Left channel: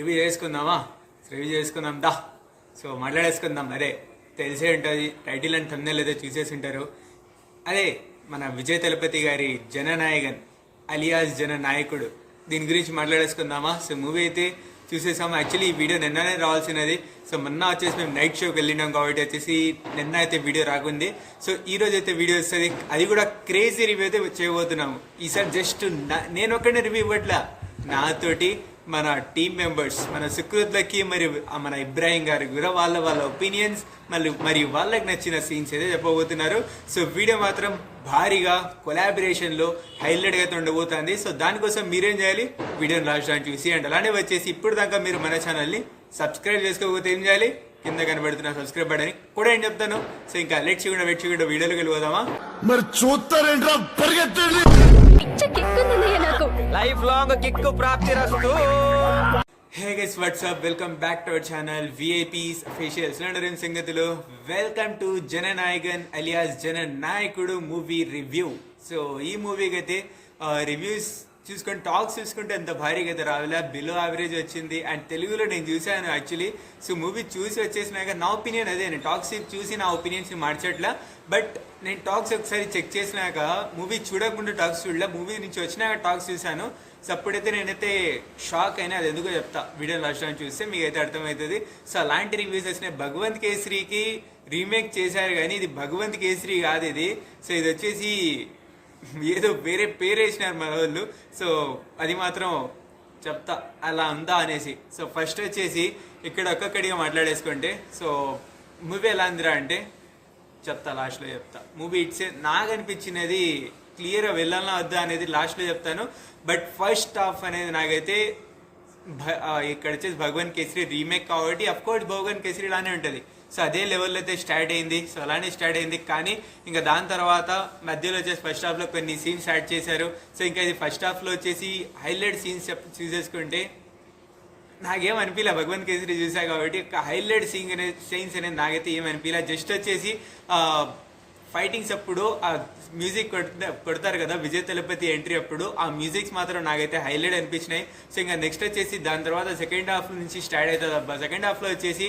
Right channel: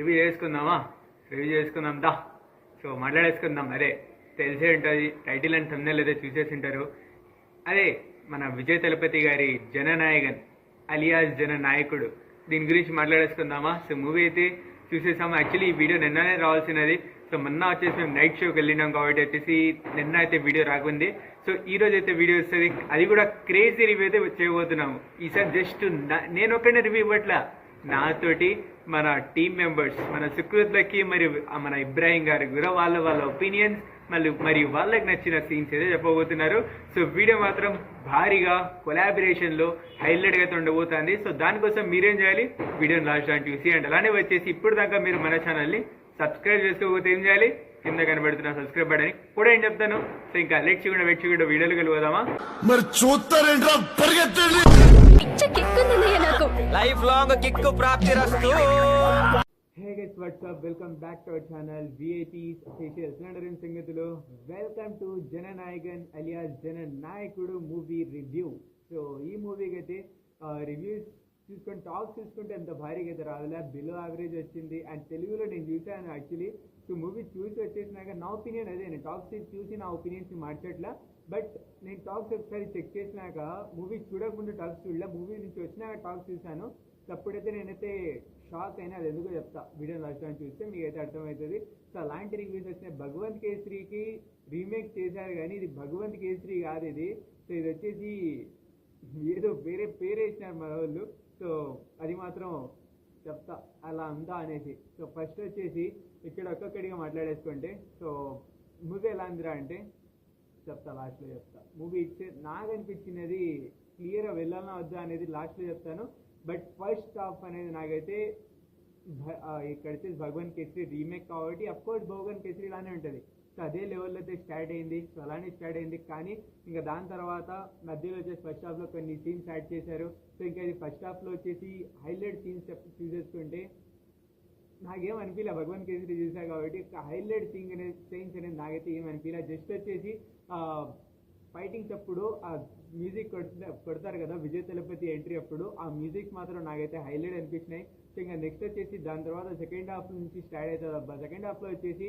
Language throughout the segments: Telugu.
రివ్యూ చేసుకుందామా? రివ్యూ చేసుకుందాం దా. సో మాట్లాడేసుకుందాం. అదే తెలిసే ఉంటుంది, టైటిల్ అండ్ థంబ్నెయిల్ అయితే చూసేసి ఉంటారు. అదే మన విజయ్ తలపతి గారి జననాయకన్ అలియాస్ జననాయకుడు, దీని గురించి మాట్లాడేసుకుందామా? సో మూవీ అయితే చూసేసాము. యాక్చువల్లీ ఈ వీడియో నిన్ననే రావాల్సినది. సో మొన్న వచ్చేసి మేము నైట్ షోకి వెళ్ళినాం కాబట్టి వచ్చేసి నిన్న అయితే వీడియో రాకుంది. సో ఈ రోజు అయితే వీడియో వస్తుంది, అది కూడా క్రేజీ రివ్యూ అయితే చేయబోతున్నాము. ఈసారి జస్ట్ నేను ఒక్కడే రివ్యూ ఇవ్వట్లా, నాతోటి మన టీమ్ మెంబర్స్, మన సుకృత్లకి మరియు మన ఇబ్రాహిం గారు కూడా వాళ్ళ ఒపీనియన్స్ మరియు వాళ్ళకి నచ్చిన సీన్స్ అయితే చెప్పబోతున్నారు. సో వీడియో మాత్రం భారీగా కొలాబరేషన్లో హైలైట్గా అయితే ఉండబోతుంది. సో దానికోసం మీరేం చేయాలి, వీడియోని లాస్ట్ దాన్ని చూసి అండ్ అలానే వచ్చేసి ఇప్పుడు దాకా మీరు మన ఛానల్ని సబ్స్క్రైబ్ చేసుకోకపోతే ఏం చేయాలి, కింద కనబడుతున్న సబ్స్క్రైబ్ బటన్ కూడా ఏం చెప్తాను. సో ఇంకా వెయిట్ చేయకుండా వీడియోలోకి వెళ్ళిపోదామా? మరి చూస్తారేంట్రా, పరిగెత్తండి. లైఫ్ లాంగ్ కిక్ ప్రాప్తిరస్తు. Hey guys, WhatsApp, welcome back to our channel VIPs official cylinder సంగతులు. Welcome to Jananayagan alias Jananayakudu movie review. So ఈ మూవీకి అయితే రివ్యూస్ చూసుకొని టాక్స్ చూసుకుంటే ఎంత భారీగా అయితే రావాలా, బిలో యావరేజ్ వచ్చింది. అండ్ తెలుగులో నేను చూసాను యాక్చువల్లీ. సో మూవీ చూసి వచ్చేసినాక నా ఒపీనియన్ అదే, నేను టాక్స్ చూసి నా ఒపీనియన్స్ని మార్చట్లా. బట్ నేను టాక్స్ ఒకసారి చెక్ చేసినాక మూవీ చూడకుండా టాక్స్ చూడలే, మూవీ నుంచి వచ్చినాక టాక్స్ చూశాను. సో అప్పుడైతే నేనైతే షాక్ అయినా, అది ఎందుకో చెప్తా వీడియో లాస్ట్ టైం చూస్తే మీకు అయితే అర్థమవుతుంది. సో అలాంటి రివ్యూస్ వచ్చినాయి. భగవంత్ కేసరికి రీమేక్ చేశారు కానీ ఇది భగవంత్ కేసరి కాదు ఇది. సో ఇది వచ్చేసి ఏదో వేరే పేరు వేసినారు మన వాళ్ళు. సో అది మాత్రం చెప్తా అలా ఉందా అనేసి. సో ఫస్ట్ వచ్చేసి ఇక్కడ ఒక్కొక్కడిగా మాట్లాడేసుకుంటే, సో మూవీ ఎలా ఉందిరా అంటే చెప్తా, లాస్ట్లో చెప్తా. మూవీ ఇట్సే నాకు అనిపించినది క్లియర్గా వెళ్ళాలన్నా వద్దా అనేది లాస్ట్లో చెప్తాను. బట్ ఫస్ట్ హాఫ్ అనేది నాకైతే ఇక్కడ వచ్చేసి భగవాన్ కేసరి రీమేక్ కాబట్టి అఫ్కోర్స్ భగవాన్ కేసరి లానే ఉంటుంది. సో అదే లెవెల్లో అయితే స్టార్ట్ అయింది. సో అలానే స్టార్ట్ అయింది కానీ ఇంకా దాని తర్వాత మధ్యలో వచ్చేసి ఫస్ట్ హాఫ్లో కొన్ని సీన్స్ యాడ్ చేశారు. సో ఇంకా ఇది ఫస్ట్ హాఫ్లో వచ్చేసి హైలైట్ సీన్స్ చూసేసుకుంటే నాకేం అనిపించలే. భగవంత్ కేసరి చూసా కాబట్టి ఒక హైలైట్ సీన్స్ అనేది నాకైతే ఏం అనిపించలే. జస్ట్ వచ్చేసి ఫైటింగ్స్ అప్పుడు ఆ మ్యూజిక్ కొడతారు కదా విజయ్ తలపతి ఎంట్రీ అప్పుడు, ఆ మ్యూజిక్స్ మాత్రం నాకైతే హైలైట్ అనిపించినాయి. సో ఇంకా నెక్స్ట్ వచ్చేసి దాని తర్వాత సెకండ్ హాఫ్ నుంచి స్టార్ట్ అవుతుంది అబ్బా. సెకండ్ హాఫ్లో వచ్చేసి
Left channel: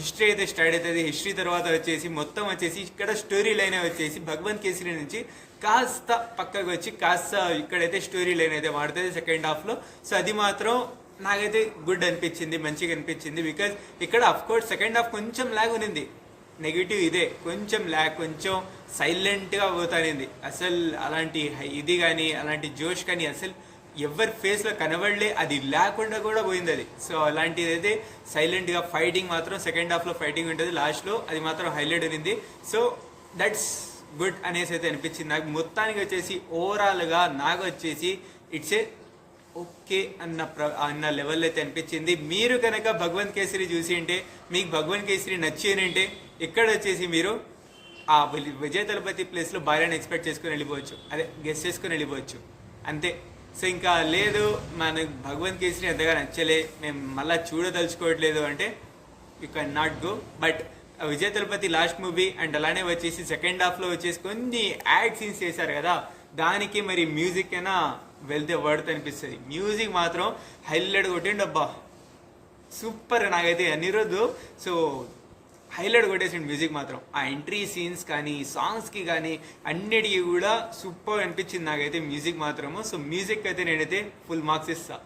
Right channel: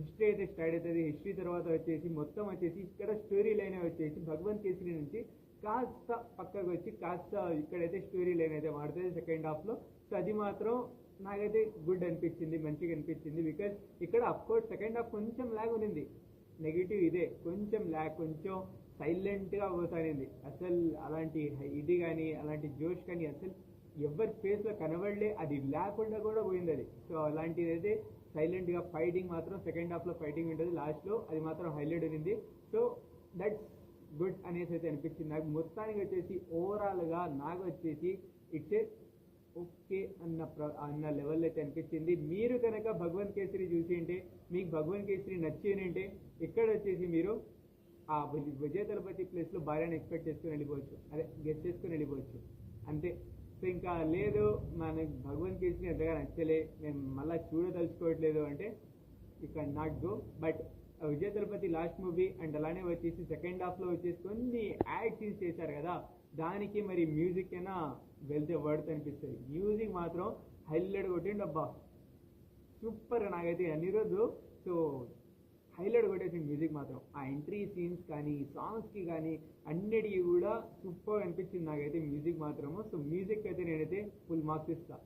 హిస్టరీ అయితే స్టార్ట్ అవుతుంది. హిస్టరీ తర్వాత వచ్చేసి మొత్తం వచ్చేసి ఇక్కడ స్టోరీ లైన్ వచ్చేసి భగవంత్ కేసరి నుంచి కాస్త పక్కకు వచ్చి కాస్త ఇక్కడైతే స్టోరీ లైన్ అయితే మారుతుంది సెకండ్ హాఫ్లో. సో అది మాత్రం నాకైతే గుడ్ అనిపించింది, మంచిగా అనిపించింది. బికాజ్ ఇక్కడ అఫ్కోర్స్ సెకండ్ హాఫ్ కొంచెం ల్యాగ్ ఉంది, నెగిటివ్ ఇదే, కొంచెం ల్యాగ్, కొంచెం సైలెంట్గా పోతానింది. అసలు అలాంటి ఇది కానీ అలాంటి జోష్ కానీ అసలు ఎవరి ఫేస్లో కనబడలే, అది లేకుండా కూడా పోయింది అది. సో అలాంటిది అయితే సైలెంట్గా ఫైటింగ్ మాత్రం సెకండ్ హాఫ్లో ఫైటింగ్ ఉంటుంది లాస్ట్లో, అది మాత్రం హైలైట్ ఉంది. సో దట్స్ గుడ్ అనేసి అయితే అనిపించింది నాకు. మొత్తానికి వచ్చేసి ఓవరాల్గా నాకు వచ్చేసి ఇట్స్ ఏ ఓకే అన్న లెవెల్ అయితే అనిపించింది. మీరు కనుక భగవంత్ కేసరి చూసి ఉంటే, మీకు భగవంత్ కేసరి నచ్చి ఉంటే ఇక్కడ వచ్చేసి మీరు ఆ విజయ్ తలపతి ప్లేస్లో భార్యను ఎక్స్పెక్ట్ చేసుకుని వెళ్ళిపోవచ్చు, అదే గెస్ చేసుకుని వెళ్ళిపోవచ్చు అంతే. సో ఇంకా లేదు మనకు భగవంత్ కేసరి అంతగా నచ్చలే, మేము మళ్ళీ చూడదలుచుకోవట్లేదు అంటే you can not go. But Vijay Thalapathy last movie and అలానే వచ్చేసి సెకండ్ హాఫ్లో వచ్చేసి కొన్ని యాడ్ సీన్స్ చేశారు కదా, దానికి మరి మ్యూజిక్ అయినా వెళ్తే వర్డ్ అనిపిస్తుంది. మ్యూజిక్ మాత్రం హైలైట్ కొట్టిండు అబ్బా, సూపర్. నాకైతే అన్ని రోజు సో హైలైట్ కొట్టేసిండు మ్యూజిక్ మాత్రం. ఆ ఎంట్రీ సీన్స్ కానీ సాంగ్స్కి కానీ అన్నిటికీ కూడా సూపర్ అనిపించింది నాకైతే మ్యూజిక్ మాత్రము. సో మ్యూజిక్ అయితే నేనైతే ఫుల్ మార్క్స్ ఇస్తా.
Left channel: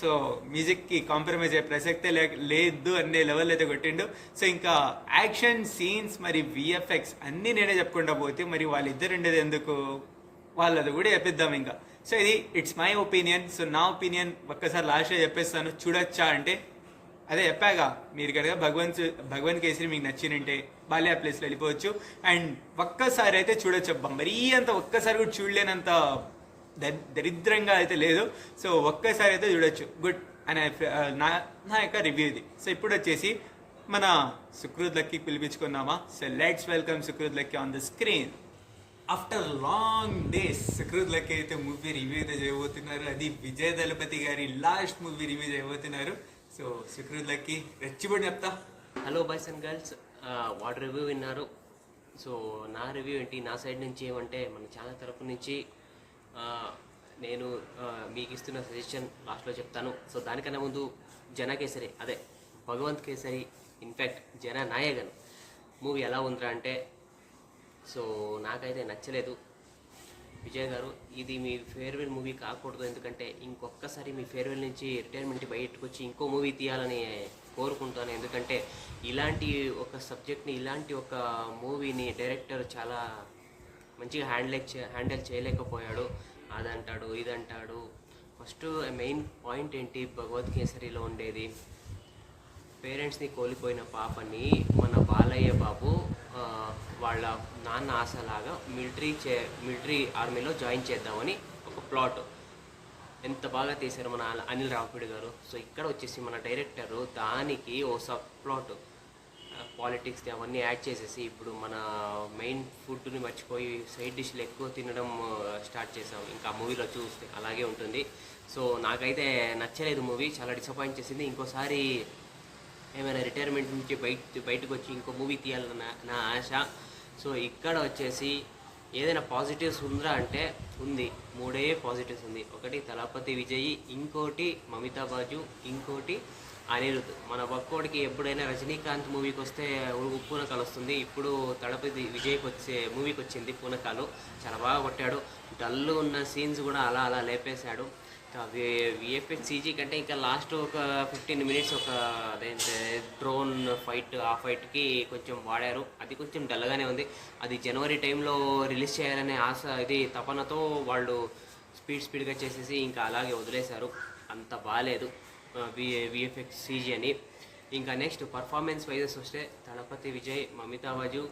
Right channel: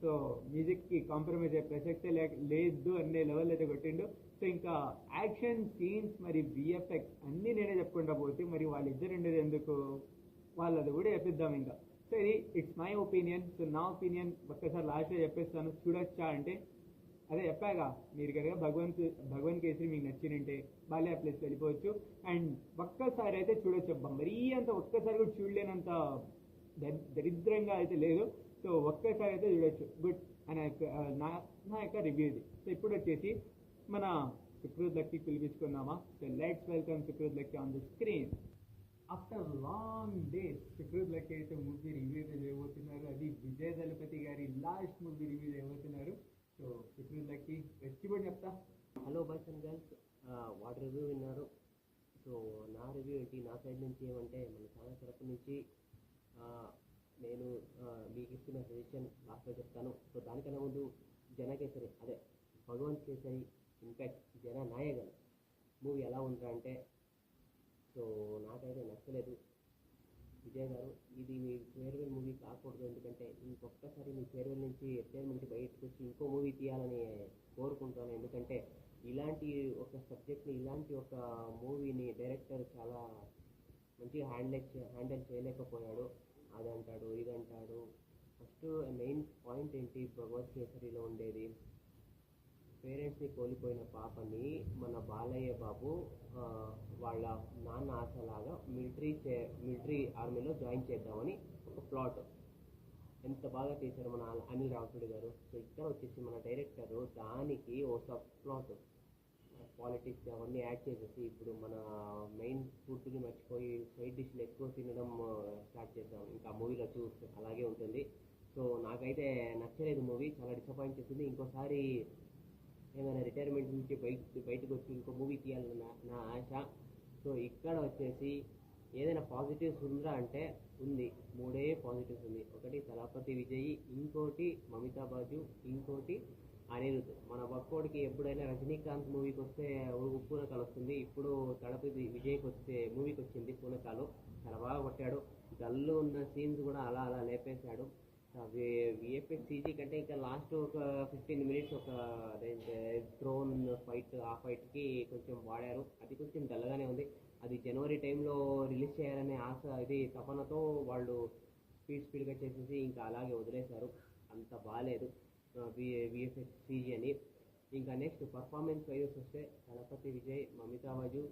సో మ్యూజిక్కి కాంప్రమైజ్ అయ్యే ప్రసక్తే లేదు అనే లెవెల్ అయితే కొట్టిండు. సో ఇంకా యాక్షన్ సీన్స్ మరి విఎఫ్ఎక్స్ అన్నీ నేనే చెప్పుకుంటా పోతే మరి వాళ్ళిద్దరు ఉండేది ఎందుకు, వాళ్ళది కూడా చెప్పిద్దాం ఇంకా. సో ఇది ఇట్స్ మై ఒపీనియన్. సో నా ఒపీనియన్ ఒక్కసారి లాస్ట్లో చెప్పేస్తాను. చూడొచ్చా అంటే అదే చెప్పాగా, మీరు కనుక భగవంత్ కేసరి మీకు నచ్చినంటే బాల్యా ప్లేస్లో వెళ్ళిపోవచ్చు అండ్ ఒక్కసారి అయితే చూడొచ్చు అబ్బా. మరీ అంత ఒక్కసారి కూడా చూడలేనంత దరిద్రంగా అయితే లేదు. సో ఒక్కసారి అయితే చూడొచ్చు, గుడ్ అనే నా యొక్క రివ్యూ ఇది. సో ఇప్పుడు వచ్చేసి మన సుకృత్ లక్కీ పిలిపించుకుందామా? So let's welcome Sukrut Lucky on the screen. After long days Sukrut Lucky అయితే మూవీ రివ్యూ అయితే చేయబోతున్నారు. అది విజయ్ దళపతి గారి లాస్ట్ మూవీ రివ్యూ చేయబోతున్నారు. సో సుకృత్ లక్కీ రెచ్చిపడి చెప్తా. Hello boys and girls, what review విన్నారు. సో నా రివ్యూ ఏంటి, నా సైడ్ నుంచి ఏమంటే మన ఛానల్ తరపు నుంచి నేను మీకు ఇస్తున్న సజెషన్ లాస్ట్లో చెప్తాను. సో దానికన్నా ముందు జనకేసరి అదే భగవంత్ కేసరి ఇన్ఫ్యాక్ట్ జననాయకన్ మూవీ ఎలా ఉందిరా అంటే సో నాకైతే నచ్చలేదు. విజయ్ గారు ఇది మీ ఫేర్వెల్ మూవీ కాకూడదు, ఎందుకంటే ఇంకొకసారి మీ ఫేర్వెల్ నుంచి రిటైర్మెంట్ బయటకు వచ్చి ఇంకో మూవీ తీయాలని కోరుకుంటాను. ఎందుకంటే ఇలాంటి ఒక సబ్జెక్ట్ని ఇలాంటి ఒక మూవీని డైరెక్టర్ చాలా మంచిగా హ్యాండిల్ చేయలేకపోయాడు. అదంటాడు ఇదంటాడు. ఫస్ట్ మెయిన్ పాయింట్ ఏంటి, భగవత్ కేసరిలో ఉండేది పేరెంట్స్ని కోల్పోయిన పాపని మన బాలయ్య బాబు వాళ్ళ నాన్న ఆశలాగా మిలిటరీ ఆర్మీలో జాయిన్ చేద్దామని ఒక ప్లాట్. ఎంత బాగా తీశారు మన అనిల్ రావిపూడి గారు. సో ఇక్కడ వచ్చేసి మన డైరెక్టరు దానికి ఓ సబ్ ప్లాట్ పాలిటిక్స్ అవన్నీ యాడ్ చేసేసి ఇప్పుడు మన మెయిన్ ఫుడ్ని మర్చిపోయి సైడ్ డిష్లు ఎక్కువ తినడం స్టార్ట్ చేసాం. ఇంకా మూవీలో చూస్తే అలాగే ఉంటుంది. సో నాకైతే నచ్చలేదు మూవీ, చాలా డిసప్పాయింట్ చేసింది. ఇంకోసారి ఏమైనా రిటైర్మెంట్ నుంచి బయటకు వచ్చి ఇంకో మూవీ తీయాలన్న నా ఆశ. సో ఇక్కడ వచ్చేసి ఏదైనా పాజిటివ్స్ ఉందా అంటే ఉంది, 3 పాజిటివ్స్ ఉంది. ఒకటి తలపతి విజయ్, ఇంకోటి మమితా బాజు, ఇంకోటి అనిరుద్. మన ఒక్కోడికి ఎప్పుడైనా రజనీకాంత్ మూవీకి వస్తే పూనకాలు వస్తుంది, ఇప్పుడు తలపతి విజయ్కి మూవీకి వచ్చింది పూనకాలు. చాలా బాగా కొట్టాడు. డల్ ఉన్న సీన్స్ కూడా అలా అలా లేపేశాడు. విఎఫ్ఎక్స్ సీజీ కంటే ఇంకా లాస్ట్ ఒక 15 మినిట్స్ ఒక అదేంటే డ్రోన్ ఫైట్, ఆ ఫైట్కి కొంచెం వాడారు. అది కొంచెం డల్గానే ఉంది. అది జనవరి టైంలో రిలీజ్ చేయాలనే ఆశ ఇది తపనతో వాళ్ళు స్పీడ్గా చేసేసి ఇంకా అలాగే వదిలేశారు. అంత బాగాలేదు విఎఫ్ఎక్స్ సీజీ అని. ఇంకా నెక్స్ట్ పర్ఫార్మెన్స్ వైజెస్ వస్తే Thalapathy Vijay, Mamitha Baiju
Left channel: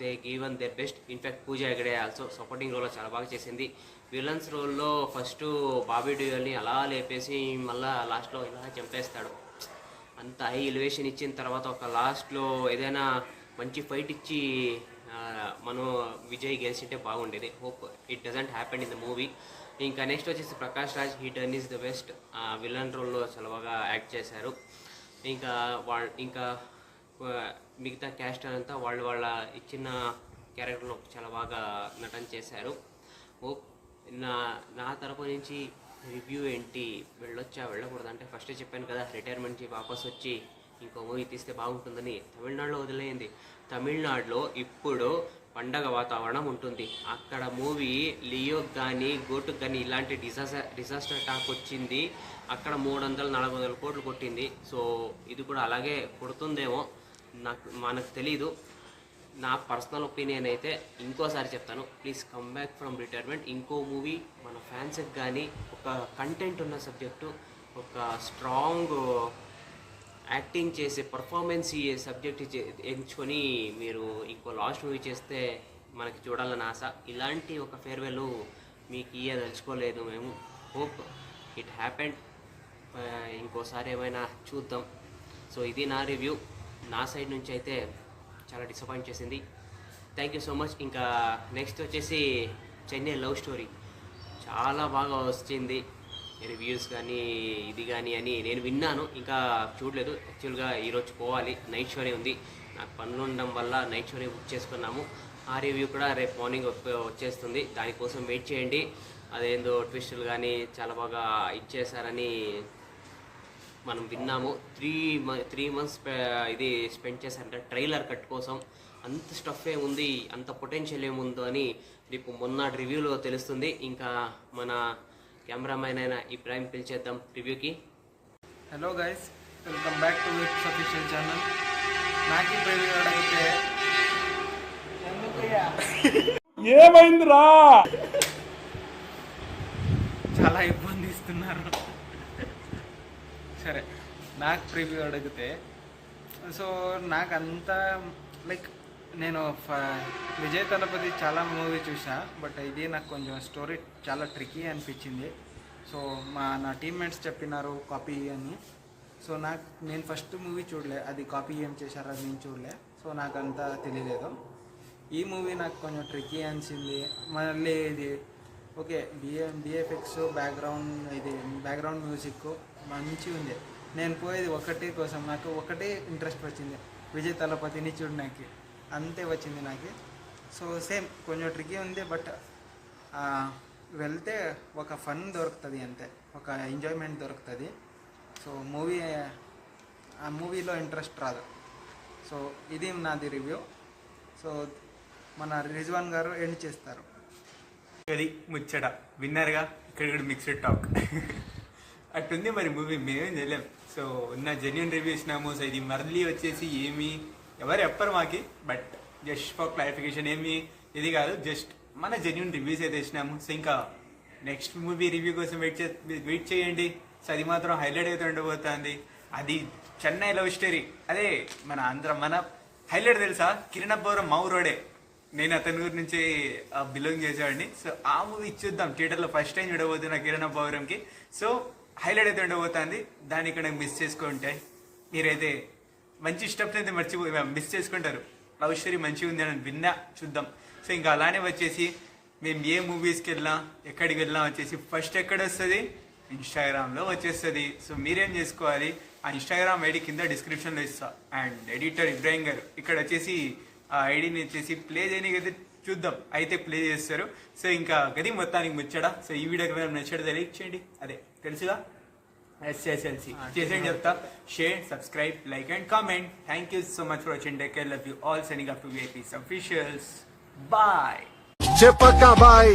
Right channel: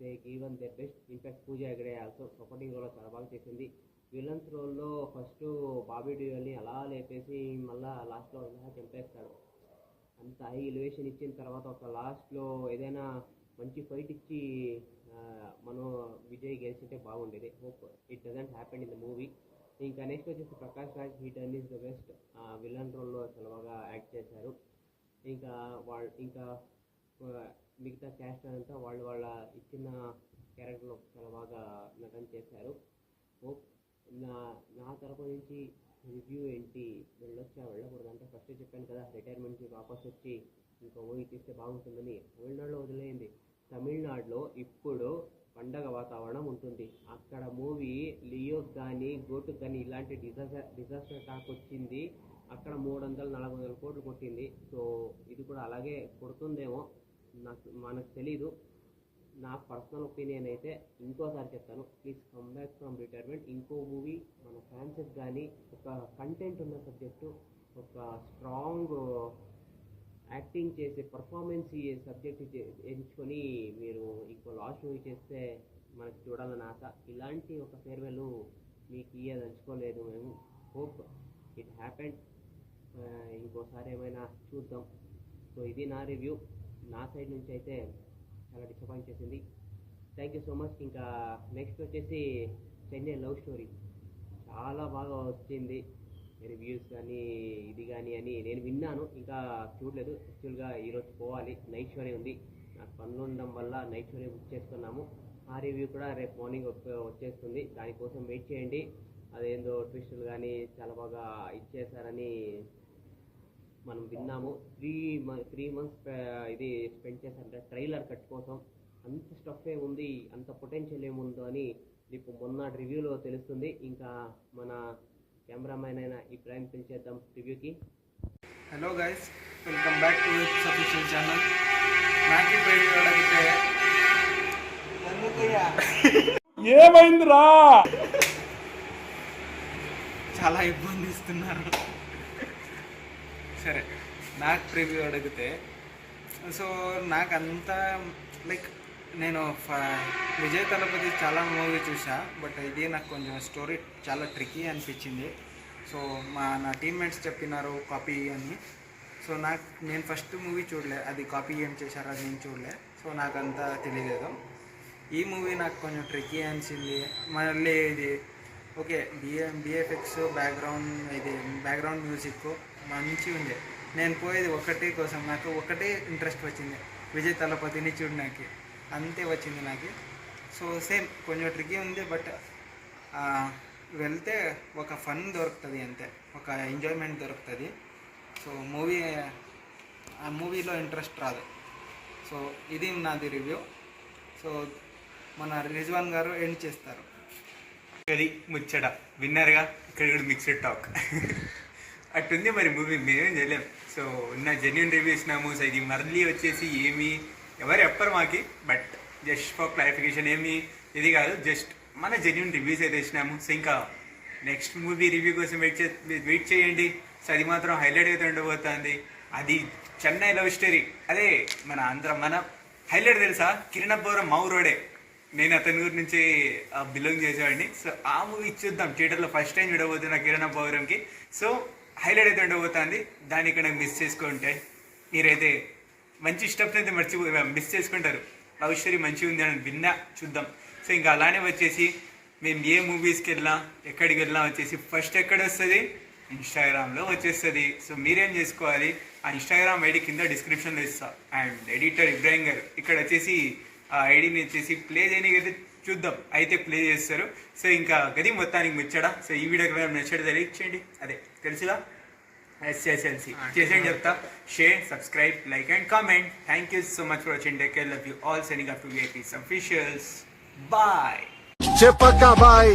they given their best. In fact Pooja Hegde also supporting రోల్లో చాలా బాగా చేసింది. విలన్స్ రోల్లో ఫస్ట్ బాబీ డియోల్ని అలా లేపేసి మళ్ళీ లాస్ట్లో ఇలా చంపేస్తాడు. అంత హై ఎలివేషన్ ఇచ్చిన తర్వాత ఒక లాస్ట్లో ఏదైనా మంచి ఫైట్ ఇచ్చి మనం విజయ్ గెలిచింటే బాగుండేది. Hope it doesn't happen in the movie. ఇంకా నెక్స్ట్ వచ్చేసి Prakash Raj, he done is the best. Villain రోల్లో చాలా బాగా యాక్ట్ చేశారు. ఇంకా మిగతా క్యాస్టర్ అంతా వాళ్ళ ఇచ్చిన క్యారెక్టర్లో చాలా బాగా నటన చేశారు. హోప్ నా తరపు నుంచి రివ్యూ ఏంటి, వెళ్ళకూడదు అంటే ఫస్ట్ చెప్పాను కదా, రిటైర్మెంట్ నుంచి వాపస్ వచ్చి ఇంకో మూవీ తీస్తే బాగుంటుందని. తమిళనాడులో వదిలేయండి, తమిళనాడులో ఇప్పుడు పండగ వాతావరణం ఉంటుంది. అక్కడ మూవీ లియోకి కానీ గోటుకు కానీ ఇలాంటి డిజాస్టర్ టాక్ వచ్చింది. అక్కడ 300-400 కోట్లు కొట్టింది. సో ఇది కూడా అలాగే కొడుతుందేమో మనకు తెలీదు. నా పర్సనల్ ఒపీనియన్ అయితే ఇంకోసారి చెప్తాను, please come back from retirement. ఇంకో మూవీ మన ఫ్యాన్స్కి కానీ ఒక కంటెంట్ ఉన్న సబ్జెక్టు, ఒక స్ట్రాంగ్ యాక్టింగ్ చేసే పర్ఫార్మెన్స్ సబ్జెక్ట్ ఎంచుకొని మీరు ఇంకో లాస్ట్ మూవీ చేస్తే మనకి చూడాలని ఆశ. ఇలాంటి ఒక ఫేర్వెల్ మీకు తెలుసుకోలేదు మేము. Hope it happened. ఇంకోసారి ఏమైనా చూద్దాం. సో ఇది నా రివ్యూ. నా సైడ్ నుంచి అయితే చాలా డిసప్పాయింట్ చేసింది. Thank you so much. ఇంకా నెక్స్ట్ వచ్చేసి చెన్నై లవ్ స్టోరీ చాలా బాగా వచ్చింది, రివ్యూస్ కానీ ఇది కానీ అని నేను విన్నాను, ఇంకా చూడలేదు. యాక్చువల్గా ఈరోజు పోవాలి, నైట్ షోనే ఉంది. నాకు పనులు ఉండడం వల్ల నైట్ షోనే బుక్ చేసుకున్నాము. ఆ రివ్యూ కూడా రేపు మార్నింగ్ వచ్చేస్తుంది, దానికోసం వెయిట్ చేయండి. అదేందో ట్విస్టులు కానీ చాలా బాగా ఇచ్చేసారని మనం విన్నాము. 3 months ఇది స్పెండ్ చేశారంటే ట్రైలర్ కట్ కోసం. అంత స్టఫ్ ఏముంది, అంత పొటెన్షియల్ ఏముందో అని రేపు మొన్న రివ్యూలో తెలుస్తుంది. ఇంకా మన కెమెరామ్యాన్ అయిన ఇబ్రాహిం పిలిచేద్దాం రివ్యూకి. Hello guys, welcome back to its official channel. నాకు రివ్యూ అడిగితే ఏమైందిరా? చాలా ఇబ్బంది ఇస్తున్నారు. సరే, నాకు ప్రివ్యూ అడిగితే సో నాకు అంతా లైక్ నేను విజయ్ తలపతి చాలా మూవీ చూసా, బట్ ఇది నాకు కొంచెం స్టోరీ చాలా ట్రికీ అనిపించింది. సో నా టీమ్మేట్స్ చెప్పినారు కాపీ అని. సో నేను ఫస్ట్ మూవీ చూడలే, అది కాపీ ఏం చేశారు అది నేను చూడలే. సో నాకు అంతా తెలియలేదు. ఈ మూవీ నాకు కొంచెం ట్రికీ అనిపించింది. మళ్ళీ ఇది ఓకే, బిఎఫ్ఎక్స్ బ్యాక్గ్రౌండ్ మ్యూజిక్ మంచిగా ఉంది. నేను పోయేది ఒకటే కోసం, నాకు ఒకటే ఇంట్రెస్ట్ వచ్చింది, విజయ్ తలపతిని చూడడానికి, అంతే వచ్చింది నాకు. సో సేమ్ కొంచెం ట్రికీ ఉంది, బట్ వెళ్తే ఒక ఫన్ దొరుకుతుంది, అంతే, ఒక ఎంజాయ్మెంట్ దొరుకుతుంది. సో మూవీ ఆ మూవీలో ఇంట్రెస్ట్ రాదు. సో ఇది నాది రివ్యూ. సో మన రిజ్వాన్ గారు ఎండ్ చేస్తారు. అది ముచ్చట విన్నారుగా, ఇక్కడ కూడా మిక్స్డ్ టాక్ అట్టుంది మరి మూవీ, మేమేం చేయలేం. సో ఉన్న జెన్యున్ రివ్యూ ఇచ్చినాము. సో ఇది మళ్ళీ వచ్చేసి ఏమి ఎవరు చెప్పరు మాకి, బట్ జస్ట్ ఫర్ క్లారిఫికేషన్ ఏమి ఇది కాదు, జస్ట్ మన జెన్యున్ రివ్యూస్ అయితే ఇచ్చినాము. సో ఇంకా నెక్స్ట్ మూవీ రివ్యూ కోసం వెయిట్ చేయండి. సో అది మాత్రం హైలైట్ అయితే ఉండబోతుంది. అది చెన్నై లవ్ స్టోరీ. అదే మన హైలైట్ తెలుసా, కిరణబ్బవరం మౌరోడే. నేను అతని ఊరి నుంచి బిలాంగ్ చేసేవాడిని. సో ఆ మూవీ చూద్దాం థియేటర్లో ఫస్ట్ టైం చూడబోతున్నా కిరణబ్బవరంకి. సో హైలైట్ అయితే ఉండబోతుంది. దాన్ని ఇక్కడ మిస్ చేసుకుంటే మీరైతే మంచి స్టెప్స్ అయితే మిస్ చేసుకుంటారు. లవ్ స్టోరీ మంచిగా ఉంది అని విన్నా, చూద్దాం. సో ఇంకా అలానే వచ్చేసి మేము ఏ మూవీస్కి వెళ్ళినా ఎక్కడికి వెళ్ళినా వచ్చేసి ఫస్ట్ ఎక్కడ వస్తుంది, ఇన్స్టాగ్రామ్లో వచ్చేస్తుంది. సో మీరేం చేసుకోవాలి, ఆ ఇన్స్టాగ్రామ్ ఐడి కింద డిస్క్రిప్షన్లో ఇస్తా. అండ్ ఎడిటర్ ఇబ్రాహిం గారు ఇక్కడ వచ్చేసి ఆ ఐడిని వచ్చేసి ప్లే చేయడానికి అయితే చూద్దాం, అయితే ప్లే చేస్తారు. సో ఇంకా గది మొత్తానికి ముచ్చడా. సో ఈ వీడియోకి మేము నచ్చడం లైక్ చేయండి, అదే తెలుసుగా SSLC చేసేయండి చెప్తా. Share, subscribe, like and comment. Thank you so much for watching. Take care, love you all. Sending up to VIPs officials. Bye. Chepaka bye.